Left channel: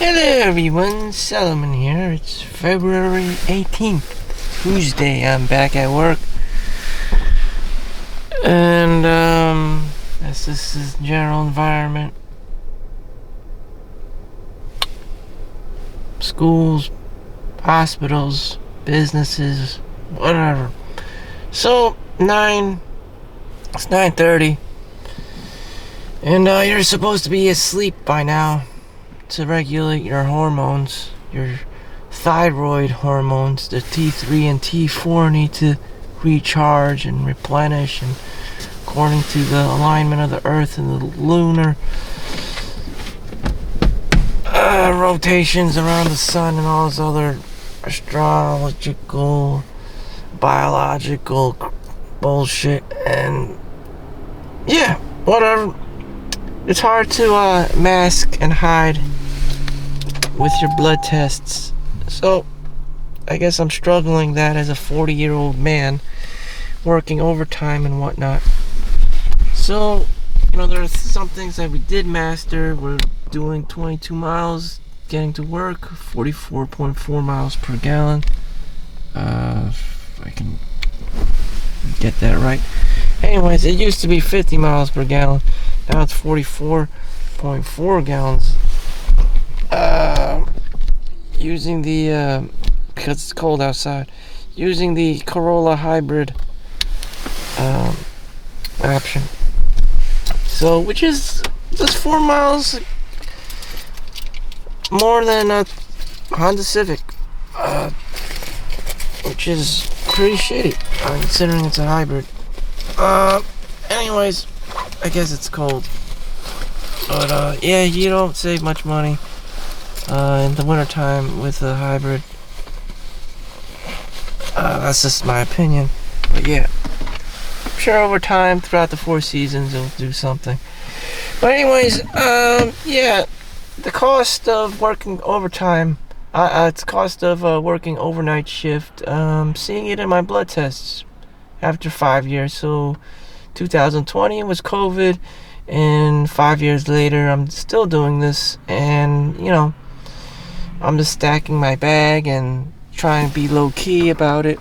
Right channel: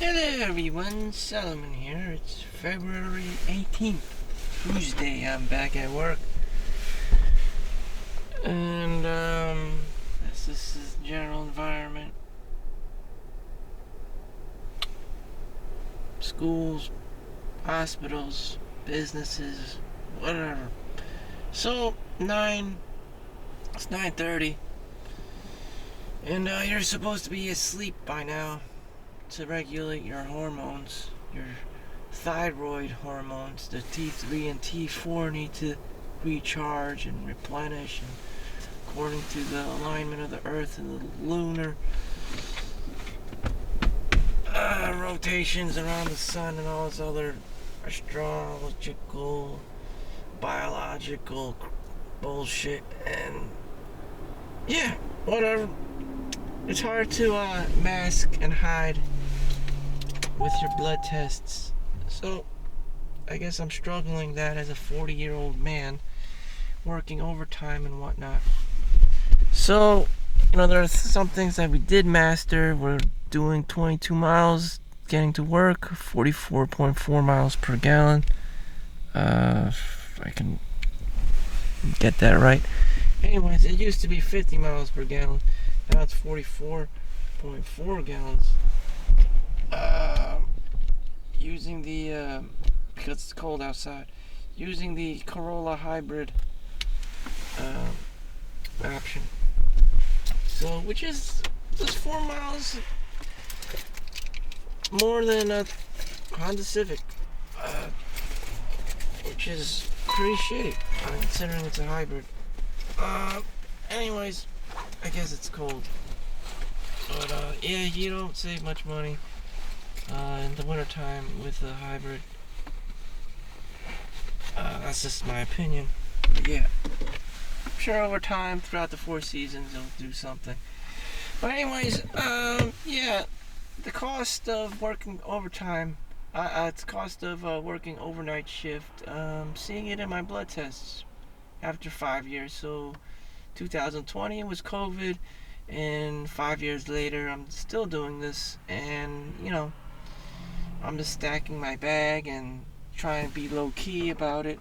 Hello everyone, Solomon here. It's February 18th, Tuesday. I'm back at work. And, this is general environment. Schools, hospitals, businesses, whatever. So, it's 9:30. And, you're supposed to be asleep by now to regulate your hormones, your thyroid hormones. The T3 and T4 need to recharge and replenish, and according to the alignment of the earth and the lunar rotations around the sun and all this other astrological, biological bullshit. And yeah, whatever. It's hard to mask and hide with your blood tests. So, I guess I'm struggling that as a 40-year-old man working overtime and whatnot. So, there are some things that we did master. We're doing 22 miles getting to work, 44.4 miles per gallon. If I can get that right. Anyways, it used to be 50 miles per gallon. Now it's 44.4 gallons. Using the, because it's cold outside, using the Corolla hybrid option. So, which is just 4 miles more than a Honda Civic, which is pretty shitty, considering it's a hybrid. Anyways, I guess it's cold. But, yeah, you don't save much money in the wintertime with a hybrid. That's just my opinion. But yeah, I'm sure over time, throughout the 4 seasons, it'll do something. But anyways, yeah, the cost of working overtime, it's cost of working overnight shift, seeing it in my blood tests after 5 years. So 2020 was COVID, and 5 years later, I'm still doing this, and, I'm just stacking my bag and trying to be low-key about it.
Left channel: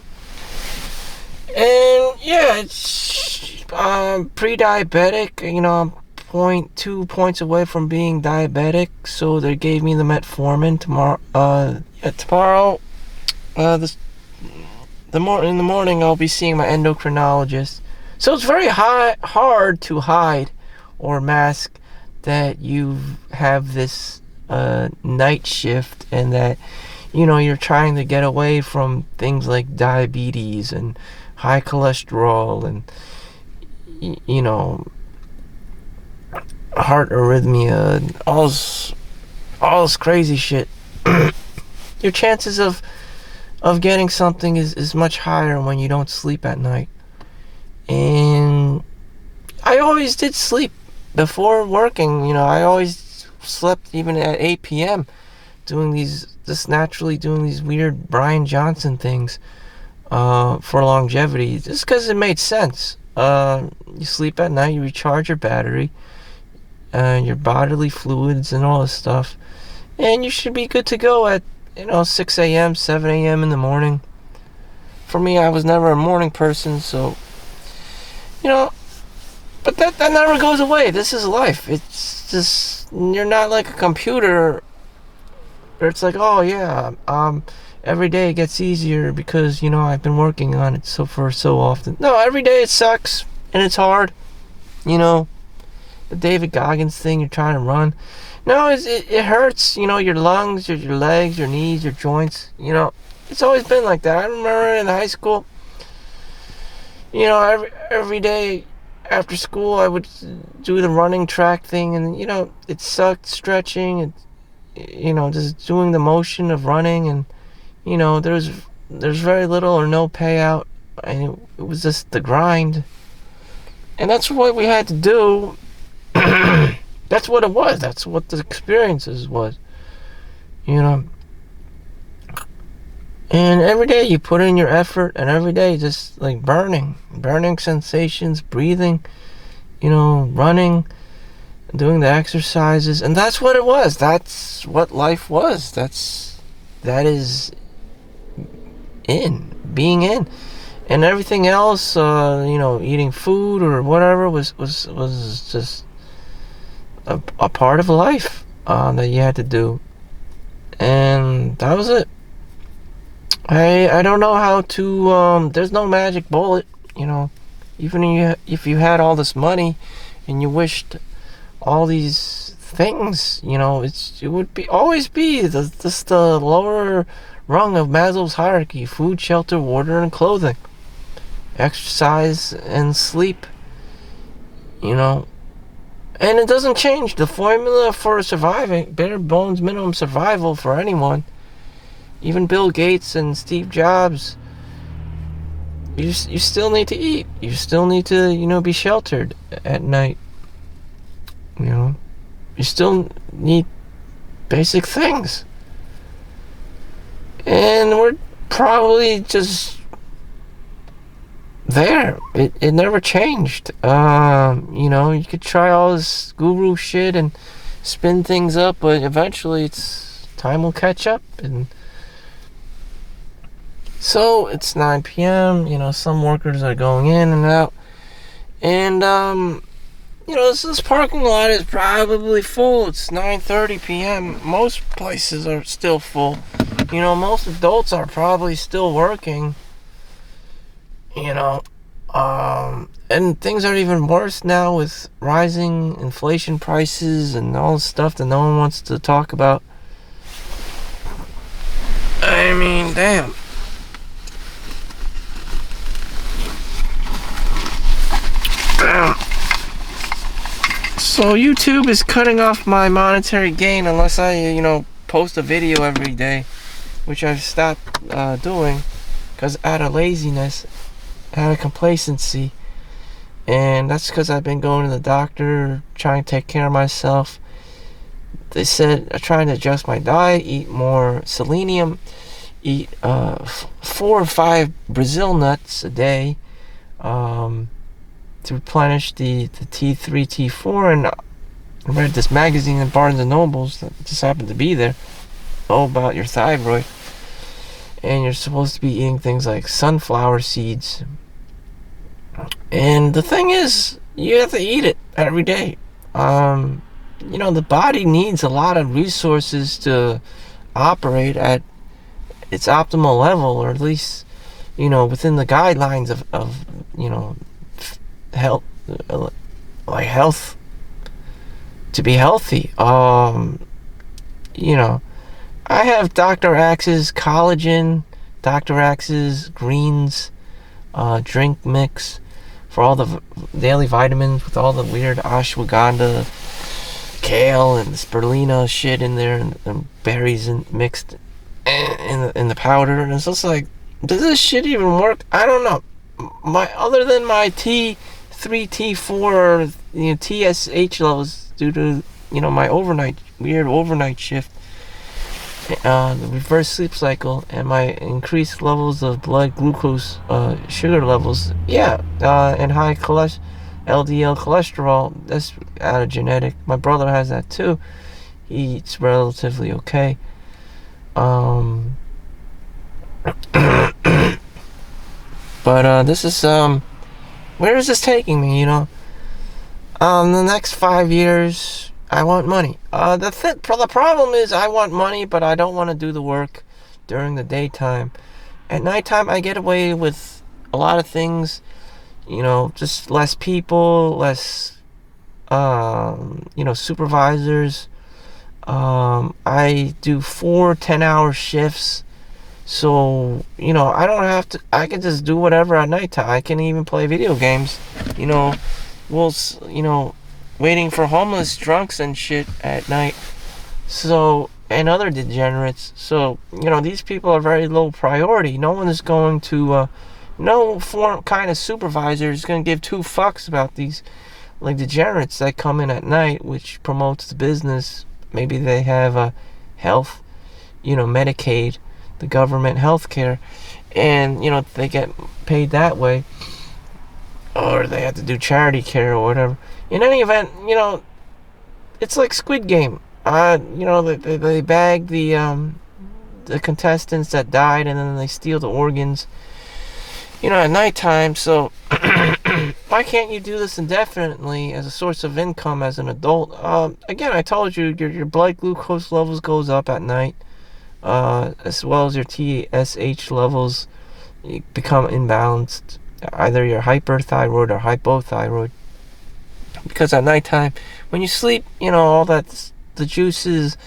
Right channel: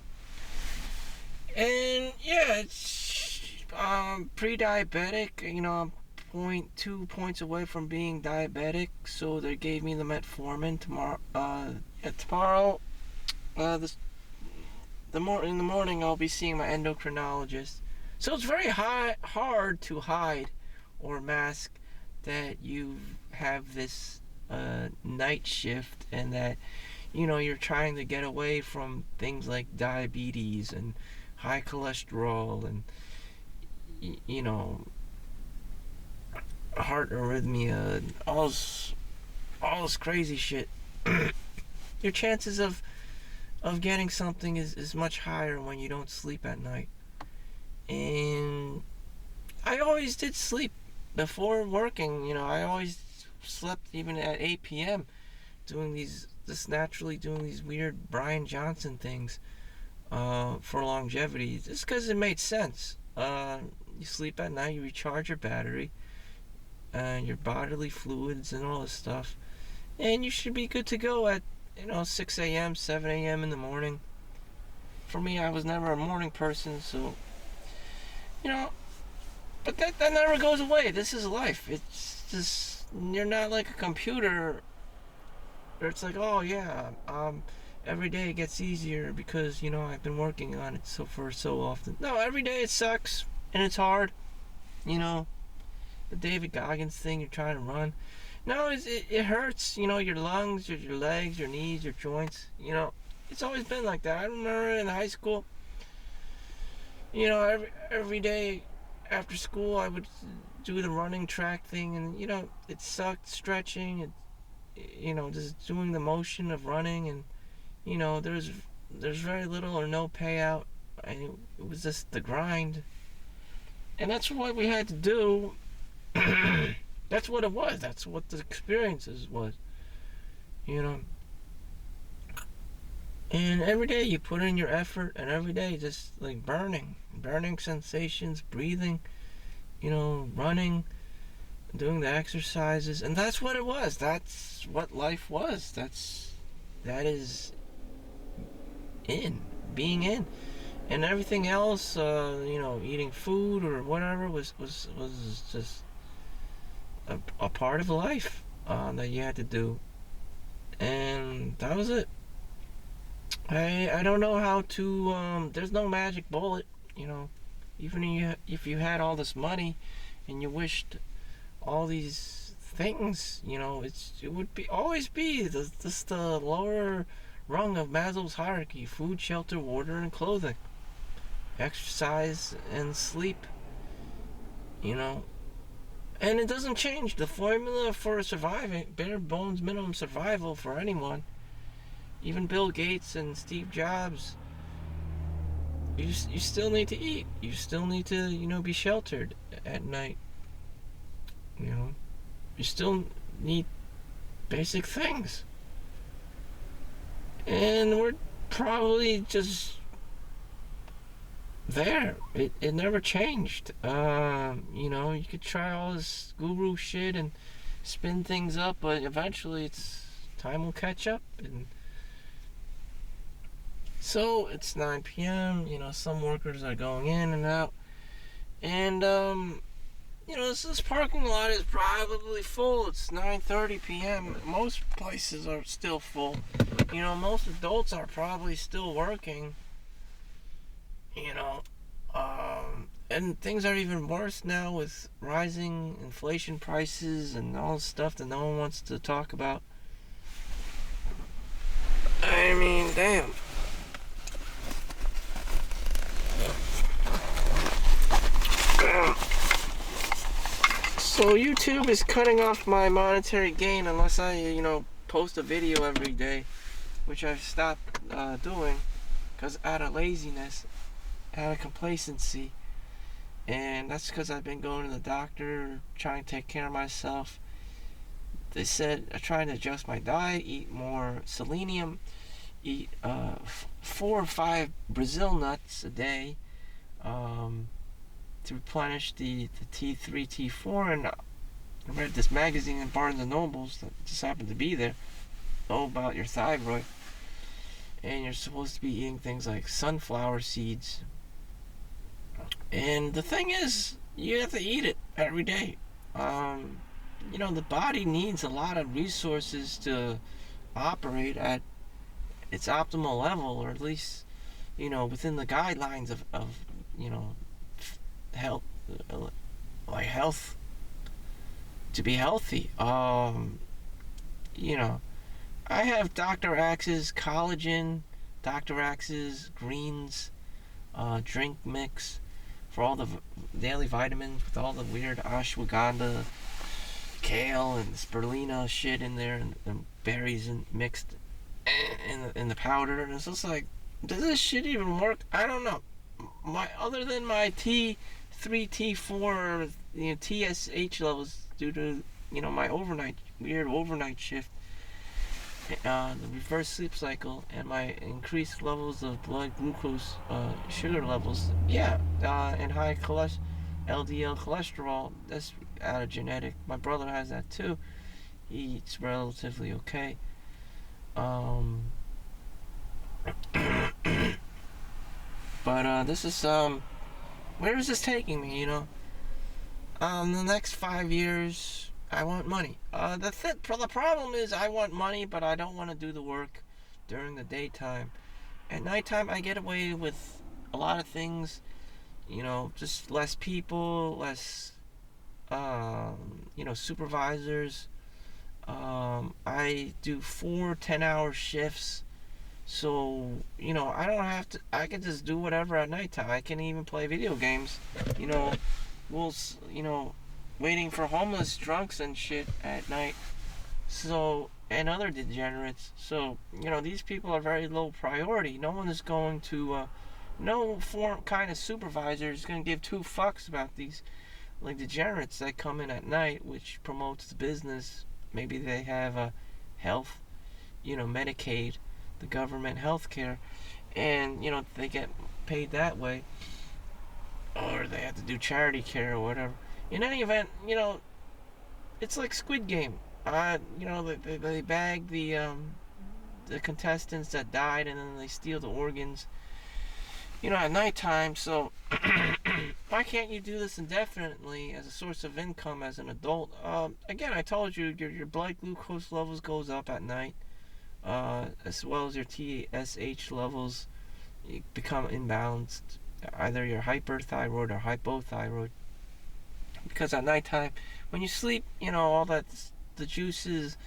And, yeah, it's pre-diabetic. I'm 0.2 points away from being diabetic, so they gave me the metformin tomorrow. In the morning, I'll be seeing my endocrinologist. So it's very hard to hide or mask that you have this night shift, and that you're trying to get away from things like diabetes and high cholesterol and heart arrhythmia and all this crazy shit. Your chances of getting something is much higher when you don't sleep at night. And I always did sleep before working. I always slept even at 8 p.m. doing these weird Brian Johnson things for longevity, just because it made sense. You sleep at night, you recharge your battery, your bodily fluids and all this stuff, and you should be good to go at 6 a.m., 7 a.m. in the morning. For me, I was never a morning person, so but that never goes away. This is life. It's just, you're not like a computer where it's like, oh yeah, every day it gets easier because I've been working on it for so often. No, every day it sucks and it's hard. The David Goggins thing, you're trying to run. No, it hurts. Your lungs, your legs, your knees, your joints. It's always been like that. I remember in high school. Every day after school, I would do the running track thing, and it sucked stretching, and just doing the motion of running, and there's very little or no payout, and it was just the grind, and that's what we had to do. That's what it was. That's what the experiences was. And every day you put in your effort, and every day just like burning sensations, breathing, running, doing the exercises, and that's what it was. That's what life was. That is being in. And everything else, eating food or whatever was just a part of life that you had to do. And that was it. I don't know how to, there's no magic bullet, even if you had all this money and you wished all these things, it would always be the lower rung of Maslow's hierarchy: food, shelter, water, and clothing, exercise, and sleep, and it doesn't change. The formula for surviving, bare bones minimum survival for anyone, even Bill Gates and Steve Jobs, you still need to eat. You still need to, be sheltered at night. You still need basic things. And we're probably just there. It never changed. You could try all this guru shit and spin things up, but eventually time will catch up. And so it's 9 p.m. Some workers are going in and out. And, this parking lot is probably full. It's 9:30 p.m. Most places are still full. Most adults are probably still working. And things are even worse now with rising inflation prices and all this stuff that no one wants to talk about. I mean, damn. So YouTube is cutting off my monetary gain unless I, post a video every day, which I've stopped doing because out of laziness, out of complacency. And that's because I've been going to the doctor, trying to take care of myself. They said I'm trying to adjust my diet, eat more selenium, eat 4 or 5 Brazil nuts a day, to replenish the T3, T4, and I read this magazine in Barnes & Nobles that just happened to be there, all about your thyroid, and you're supposed to be eating things like sunflower seeds. And the thing is, you have to eat it every day. The body needs a lot of resources to operate at its optimal level, or at least, within the guidelines of health, health, to be healthy. I have Dr. Axe's collagen, Dr. Axe's greens, drink mix for all the daily vitamins with all the weird ashwagandha, kale, and spirulina shit in there, and berries mixed in the powder. And it's just like, does this shit even work? I don't know. Other than my T3, T4, TSH levels due to my weird overnight shift, the reverse sleep cycle, and my increased levels of blood glucose, sugar levels, and high LDL cholesterol. That's out of genetic. My brother has that too. He eats relatively okay. But this is where is this taking me? The next 5 years, I want money. The problem is I want money, but I don't want to do the work during the daytime. At nighttime, I get away with a lot of things. Just less people, less supervisors. I do 4 10-hour shifts. So, I don't have to, I can just do whatever at nighttime. I can even play video games, waiting for homeless drunks and shit at night. So, and other degenerates. So, these people are very low priority. No one is going to, no kind of supervisor is going to give 2 fucks about these, degenerates that come in at night, which promotes the business. Maybe they have health, Medicaid, the government health care, and they get paid that way, or they have to do charity care or whatever. In any event, it's like Squid Game. They bag the contestants that died, and then they steal the organs, at nighttime. So why can't you do this indefinitely as a source of income as an adult? Again, I told you your blood glucose levels goes up at night, as well as your TSH levels become imbalanced. Either you're hyperthyroid or hypothyroid. Because at nighttime, when you sleep, all the juices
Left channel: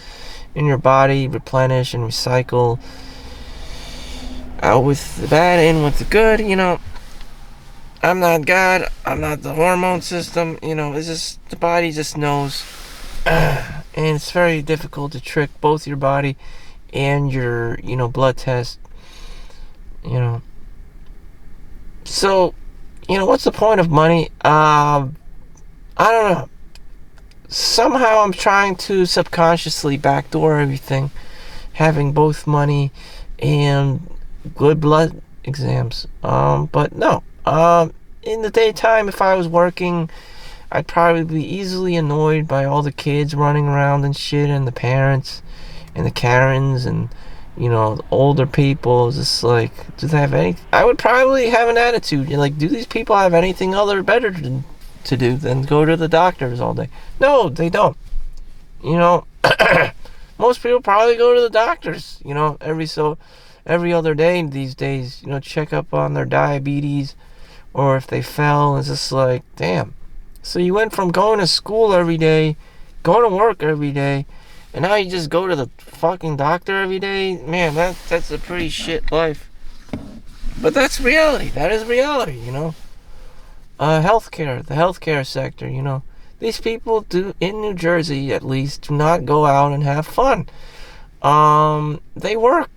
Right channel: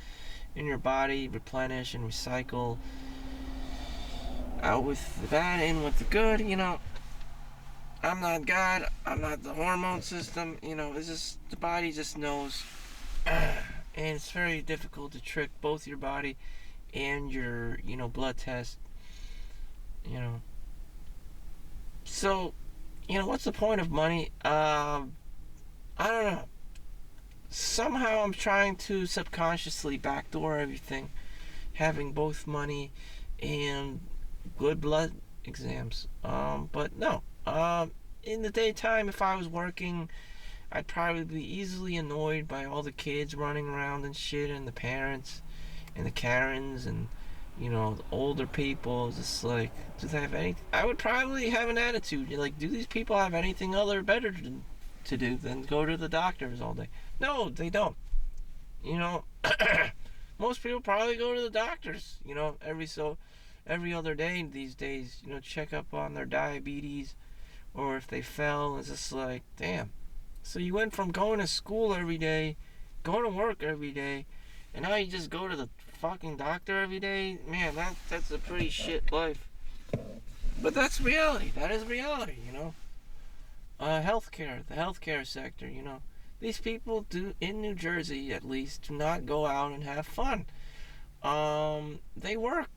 in your body replenish and recycle out with the bad in with the good. I'm not God. I'm not the hormone system. It's just the body just knows. And it's very difficult to trick both your body and your, blood test. So, what's the point of money? I don't know. Somehow I'm trying to subconsciously backdoor everything, having both money and good blood exams. But no. In the daytime, if I was working, I'd probably be easily annoyed by all the kids running around and shit, and the parents, and the Karens, and older people. Just like, do they have any? I would probably have an attitude. Like, do these people have anything other better to do than go to the doctors all day? No, they don't. Most people probably go to the doctors. Every other day these days. Check up on their diabetes, or if they fell. It's just like, damn. So you went from going to school every day, going to work every day, and now you just go to the fucking doctor every day? Man, that's a pretty shit life. But that's reality. That is reality, Healthcare, the healthcare sector, These people do, in New Jersey at least, do not go out and have fun. They work.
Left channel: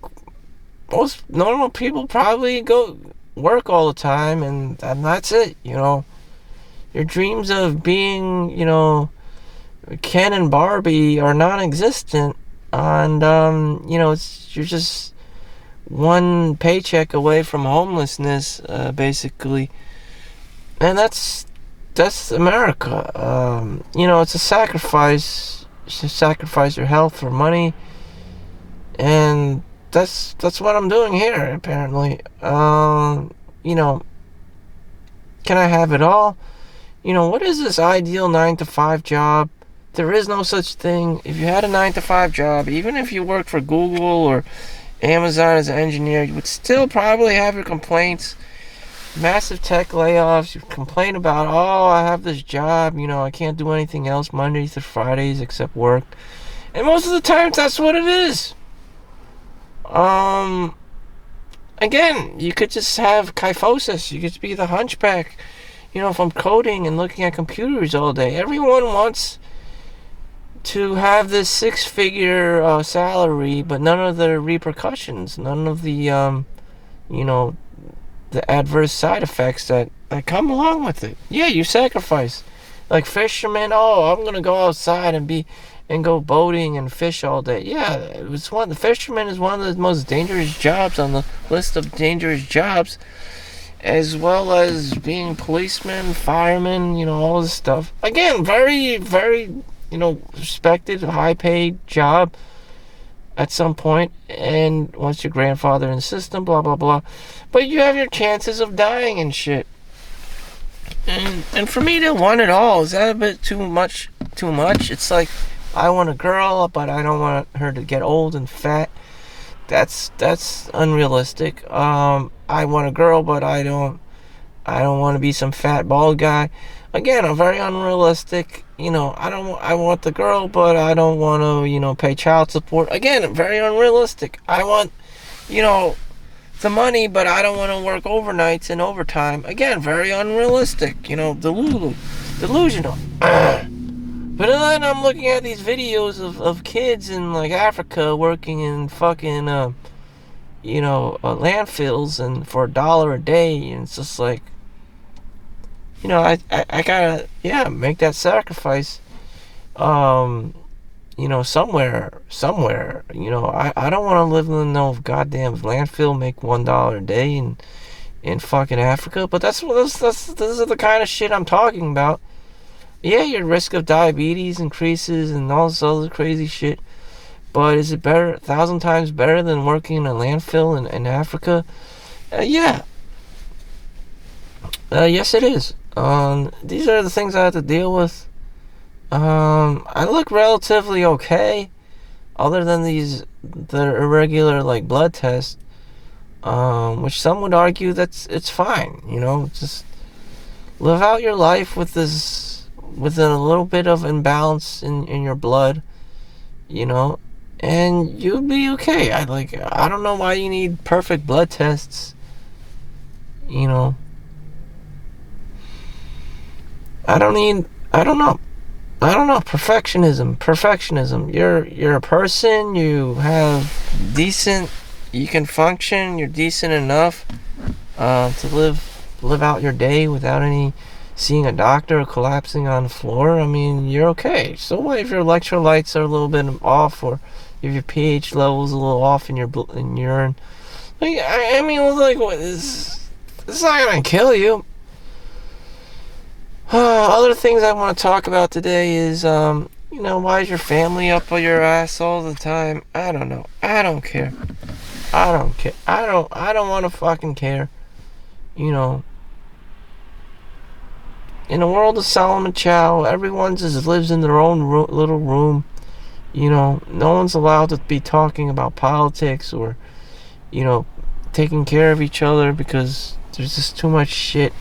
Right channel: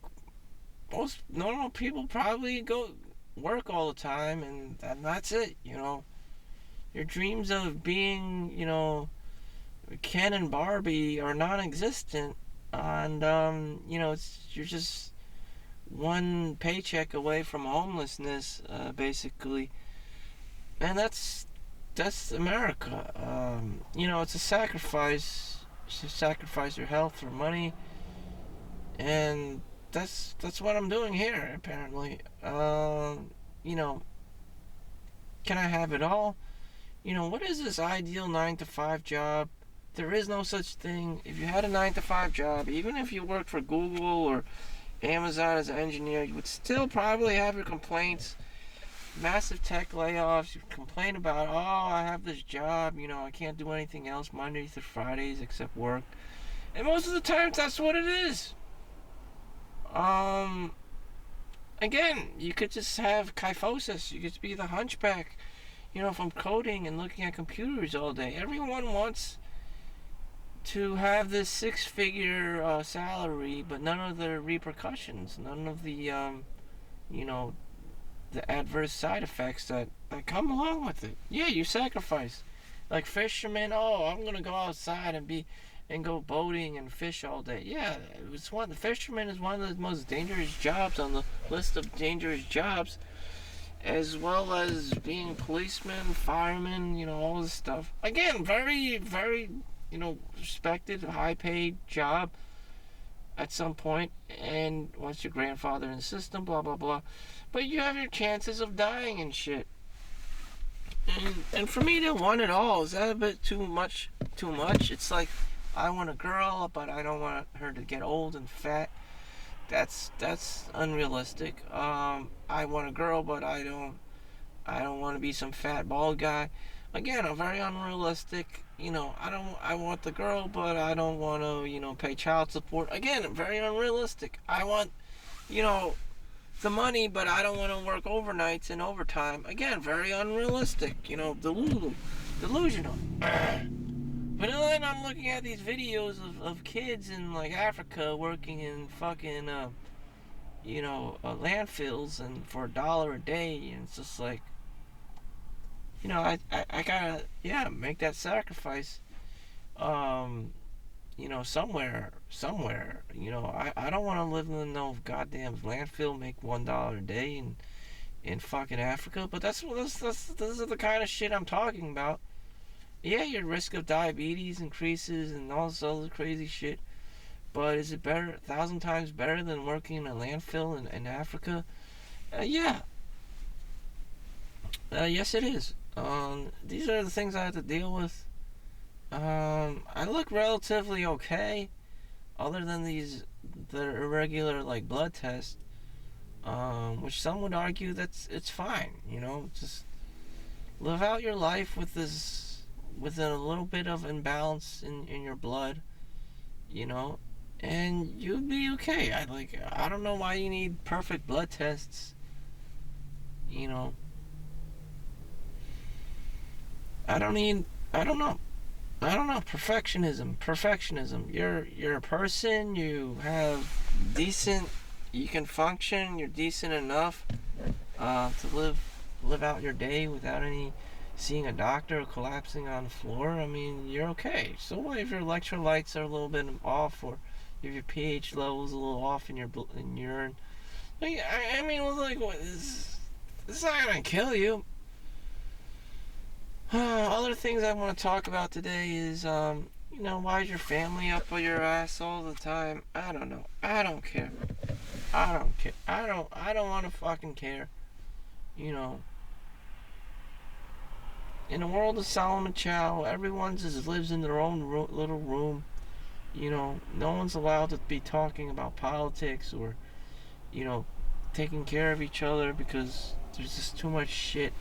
Most normal people probably go work all the time, and that's it, Your dreams of being, Ken and Barbie are non-existent, and you're just one paycheck away from homelessness, basically, and that's America. It's a sacrifice. You sacrifice your health for money, and that's what I'm doing here. Apparently, can I have it all? What is this ideal 9-to-5 job? There is no such thing. If you had a 9-to-5 job, even if you worked for Google or Amazon as an engineer, you would still probably have your complaints. Massive tech layoffs. You complain about, oh, I have this job, I can't do anything else Mondays to Fridays except work. And most of the times, that's what it is. Again, you could just have kyphosis. You could be the hunchback, from coding and looking at computers all day. Everyone wants to have this six-figure salary, but none of the repercussions, none of the, the adverse side effects that come along with it. Yeah, you sacrifice. Like fishermen, oh, I'm gonna go outside and go boating and fish all day. Yeah, the fisherman is one of the most dangerous jobs on the list of dangerous jobs, as well as being policeman, fireman, all this stuff. Again, very, very, respected, high-paid job at some point, and once your grandfather in the system, blah, blah, blah. But you have your chances of dying and shit. And for me to want it all, is that a bit too much? It's like, I want a girl, but I don't want her to get old and fat. That's unrealistic. I want a girl, but I don't want to be some fat bald guy. Again, I'm very unrealistic. I want the girl, but I don't want to, pay child support. Again, very unrealistic. I want, the money, but I don't want to work overnights and overtime. Again, very unrealistic. Delusional. But then I'm looking at these videos of kids in like Africa working in fucking landfills and for $1 a day, and it's just like, I gotta make that sacrifice. Somewhere. I don't want to live in no goddamn landfill, make $1 a day in fucking Africa. But this is the kind of shit I'm talking about. Yeah, your risk of diabetes increases and all this other crazy shit. But is it better, 1,000 times better than working in a landfill in Africa? Yeah. Yes, it is. These are the things I have to deal with. I look relatively okay, other than the irregular like blood tests. Which some would argue that's it's fine. Just live out your life with a little bit of imbalance in your blood. You know, and you'll be okay. I don't know why you need perfect blood tests. You know, I don't need. I don't know. I don't know. Perfectionism. Perfectionism. You're a person. You have decent. You can function. You're decent enough to live out your day without any seeing a doctor or collapsing on the floor. I mean, you're okay. So what if your electrolytes are a little bit off, or if your pH level's a little off in your urine? Like, I mean, like, what is? It's not gonna kill you. Other things I want to talk about today is, why is your family up on your ass all the time? I don't know. I don't care. I don't care. I don't want to fucking care. You know, in the world of Solomon Chau, everyone just lives in their own little room. No one's allowed to be talking about politics or, you know, taking care of each other because there's just too much shit.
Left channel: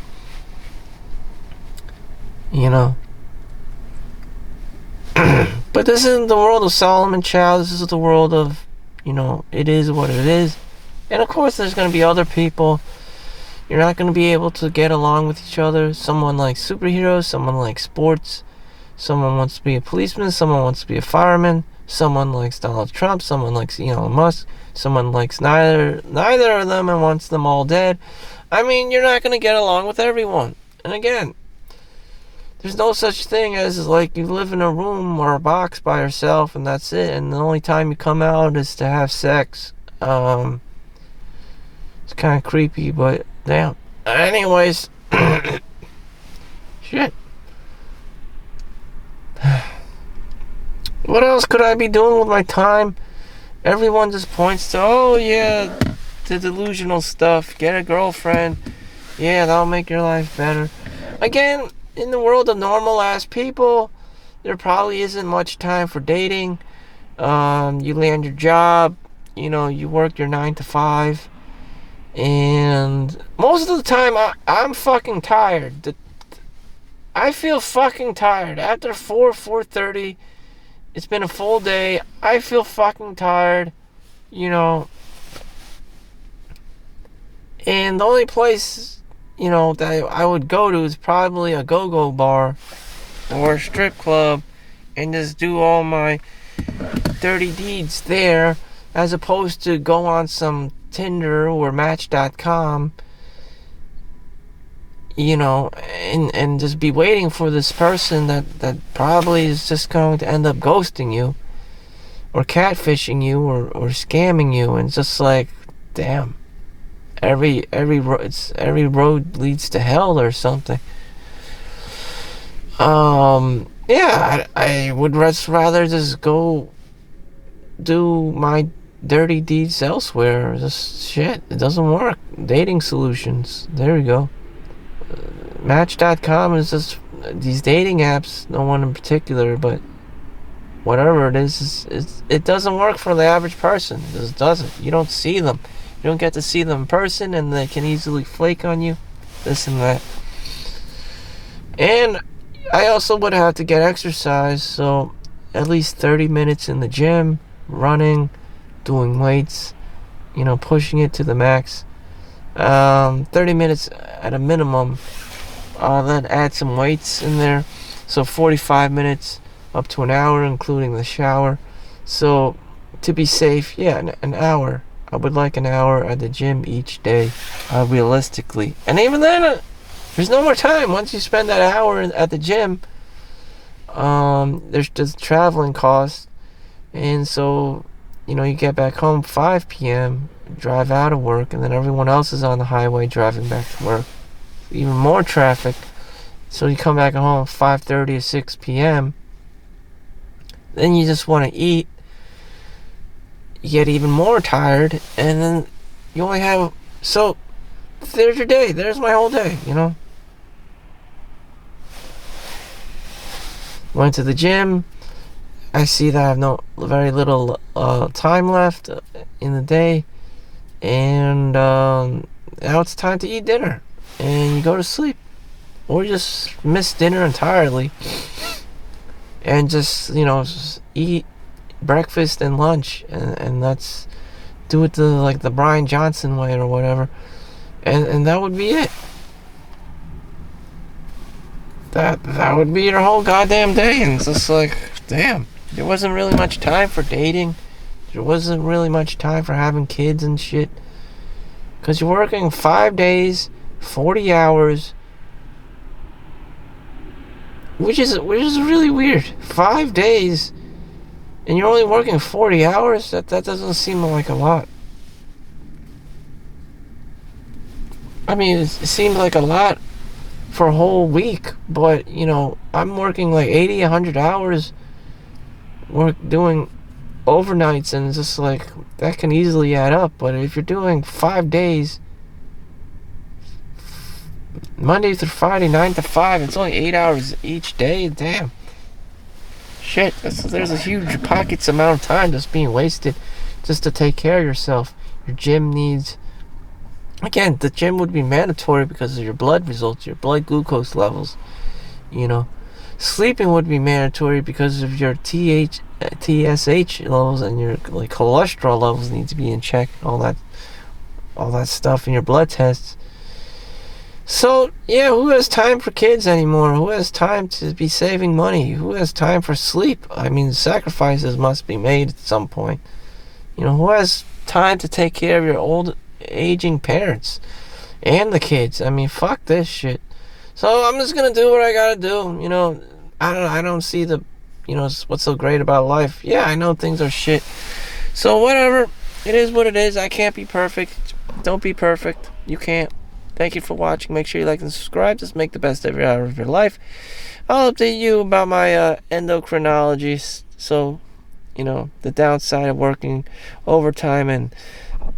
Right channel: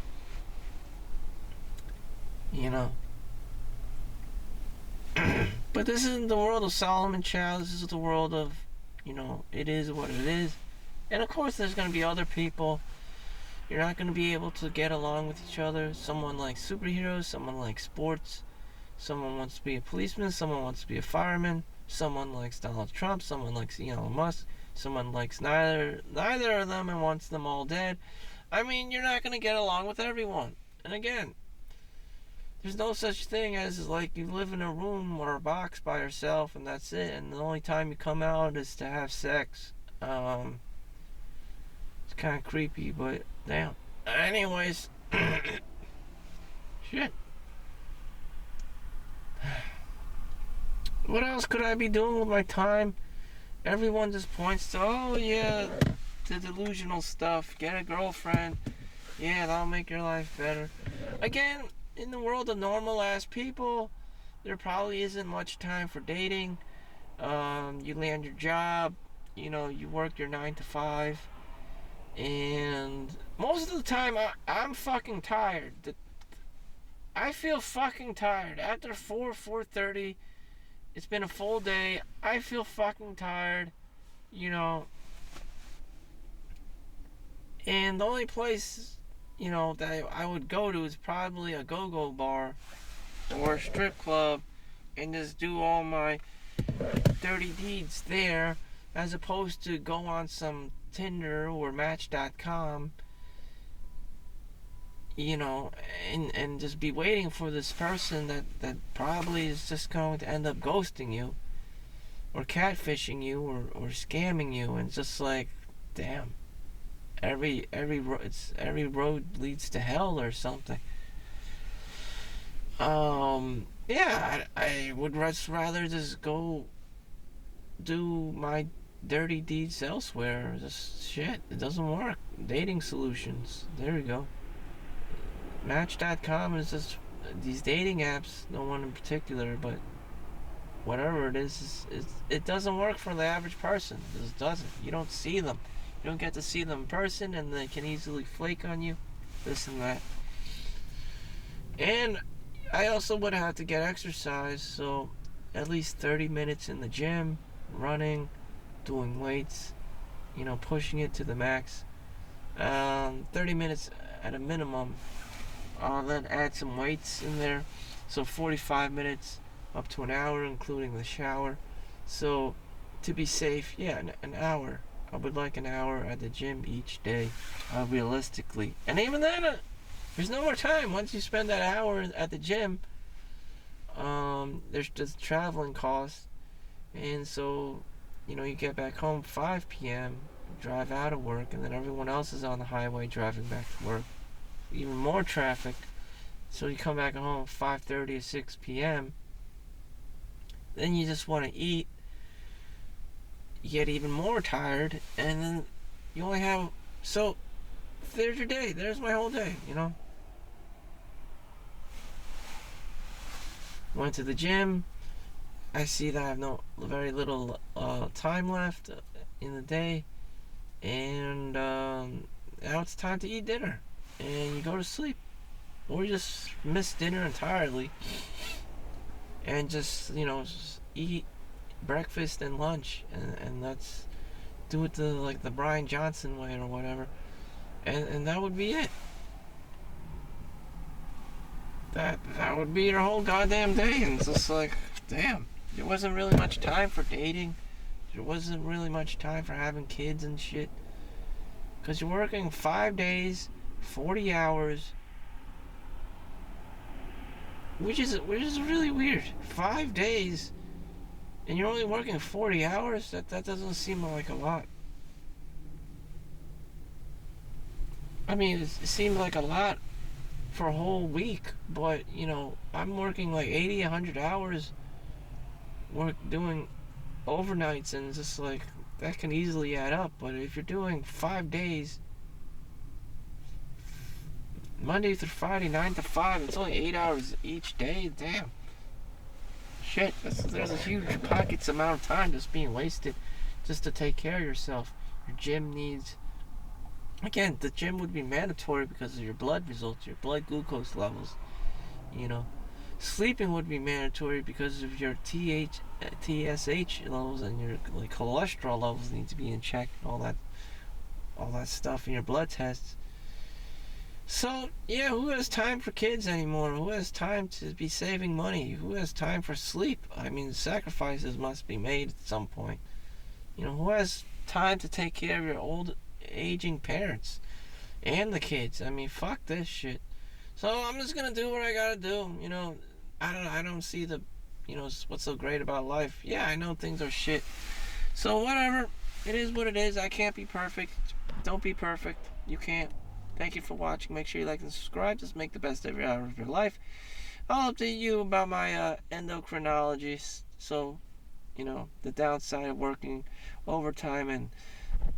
You know. But this isn't the world of Solomon Chau. This is the world of, it is what it is. And of course, there's going to be other people. You're not going to be able to get along with each other. Someone likes superheroes, someone likes sports, someone wants to be a policeman, someone wants to be a fireman, someone likes Donald Trump, someone likes Elon Musk, someone likes neither of them and wants them all dead. I mean, you're not going to get along with everyone. And again, there's no such thing as like you live in a room or a box by yourself and that's it, and the only time you come out is to have sex. It's kind of creepy, but damn. Anyways, shit. What else could I be doing with my time? Everyone just points to, oh yeah, the delusional stuff. Get a girlfriend. Yeah, that'll make your life better. Again, in the world of normal ass people, there probably isn't much time for dating. You land your job, you work your 9 to 5, and most of the time I'm fucking tired. I feel fucking tired. After 4:30, it's been a full day. I feel fucking tired, and the only place, that I would go to is probably a go-go bar or a strip club and just do all my dirty deeds there, as opposed to go on some Tinder or Match.com, and just be waiting for this person that probably is just going to end up ghosting you or catfishing you or scamming you, and it's just like, damn, every road leads to hell or something. Yeah, I would rather just go do my dirty deeds elsewhere. Just shit, it doesn't work. Dating solutions, there we go. Match.com is just these dating apps, no one in particular, but whatever it is, it doesn't work for the average person. It just doesn't. You don't see them. You don't get to see them in person, and they can easily flake on you, this and that. And I also would have to get exercise, so at least 30 minutes in the gym, running, doing weights, pushing it to the max. 30 minutes at a minimum. Then add some weights in there, so 45 minutes up to an hour, including the shower. So to be safe, yeah, an hour. I would like an hour at the gym each day, realistically. And even then, there's no more time. Once you spend that hour at the gym, there's just traveling costs. And so, you get back home 5 p.m., drive out of work, and then everyone else is on the highway driving back to work. Even more traffic. So you come back home 5:30 or 6 p.m. Then you just want to eat. You get even more tired, and then you only have... So there's your day. There's my whole day, you know. Went to the gym. I see that I have very little time left in the day, and now it's time to eat dinner, and you go to sleep, or you just miss dinner entirely, and just just eat breakfast and lunch, and that's... do it the Brian Johnson way or whatever, and that would be it. That would be your whole goddamn day, and it's just like, damn, there wasn't really much time for dating. There wasn't really much time for having kids and shit. Because you're working 5 days, 40 hours, which is really weird. 5 days, and you're only working 40 hours? That doesn't seem like a lot. I mean, it seems like a lot for a whole week, but I'm working like 80, 100 hours, doing overnights, and it's just like, that can easily add up. But if you're doing 5 days, Monday through Friday, 9 to 5, it's only 8 hours each day. Damn. Shit, there's a huge pockets amount of time just being wasted just to take care of yourself. Your gym needs... Again, the gym would be mandatory because of your blood results, your blood glucose levels. Sleeping would be mandatory because of your TSH levels, and your cholesterol levels need to be in check. All that stuff in your blood tests. So yeah, who has time for kids anymore? Who has time to be saving money? Who has time for sleep? I mean, sacrifices must be made at some point. Who has time to take care of your old aging parents and the kids? I mean, fuck this shit. So I'm just gonna do what I gotta do. I don't see what's so great about life. Yeah, I know things are shit. So whatever. It is what it is. I can't be perfect. Don't be perfect. You can't. Thank you for watching. Make sure you like and subscribe. Just make the best every hour of your life. I'll update you about my endocrinology. So, the downside of working overtime and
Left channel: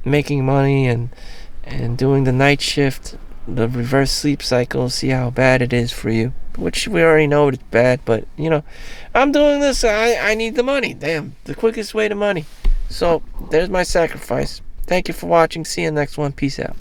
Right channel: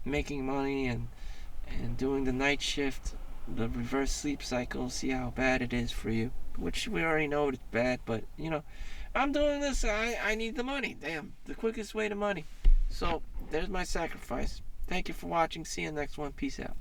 making money and doing the night shift, the reverse sleep cycle, see how bad it is for you. Which we already know it's bad, but I'm doing this. I need the money. Damn, the quickest way to money. So there's my sacrifice. Thank you for watching. See you in the next one. Peace out.